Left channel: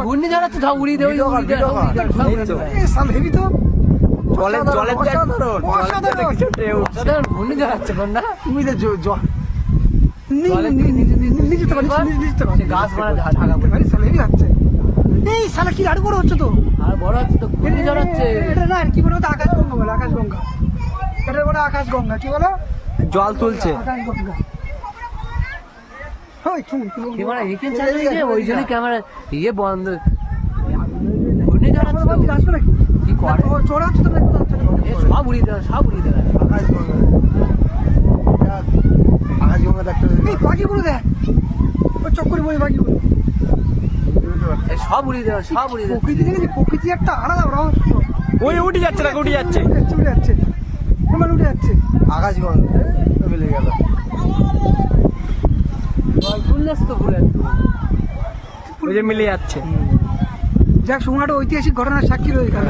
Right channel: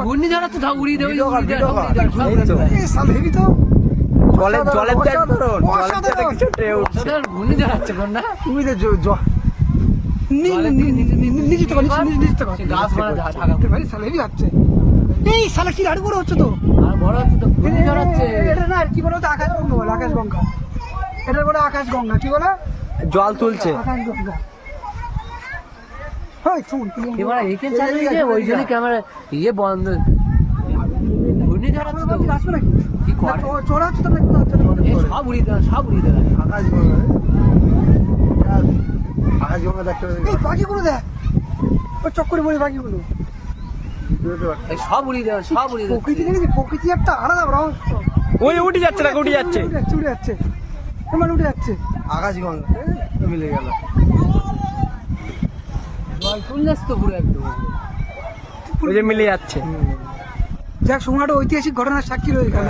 ঘূর্ণিঝড় হচ্ছে সব উড়িয়ে দেবে হেভি তো জলের ঘূর্ণিঝড় হচ্ছে না তুমি গাছ মারা ঢাকা ভাই সালে হেভি হচ্ছে এই সালা কি আরো বড় হচ্ছে তো আর বড় হচ্ছে তো ঘূর্ণিঝড় হচ্ছে এটা না কি বলে আকাশগঙ্গা বলে আকাশগঙ্গা এটা বলে আকাশগঙ্গা কি বলে জল তুলছে আকাশগঙ্গা ক্যামেরা এখানে চালিয়ে যে ওই জন্য ক্যামেরা ইয়ে বন্ধ ঘূর্ণিঝড় হচ্ছে তো আসবে নাকি কি করে চোরা হচ্ছে তো সব উড়িয়ে দেবে সব উড়িয়ে দেবে আকাশগঙ্গা দেখতে এই পাখিগুলো দেখ ওই চক্করে বলে পাখিগুলো সব উড়িয়ে দেবে সব উড়িয়ে দেবে প্রকৃতি দেখেছি প্রকৃতি একটা আলাদা রহস্য ওই উঠে যাচ্ছে না উঠে যাচ্ছে উঠে যাচ্ছে তোমার উঠে যাচ্ছে আকাশগঙ্গা মিলে গেল শুনলে তো পুরো একদম ওই যে মিলে যাচ্ছে যাক সময়টা ঐতিহাসিক ঘটনার সাক্ষী রয়ে গেল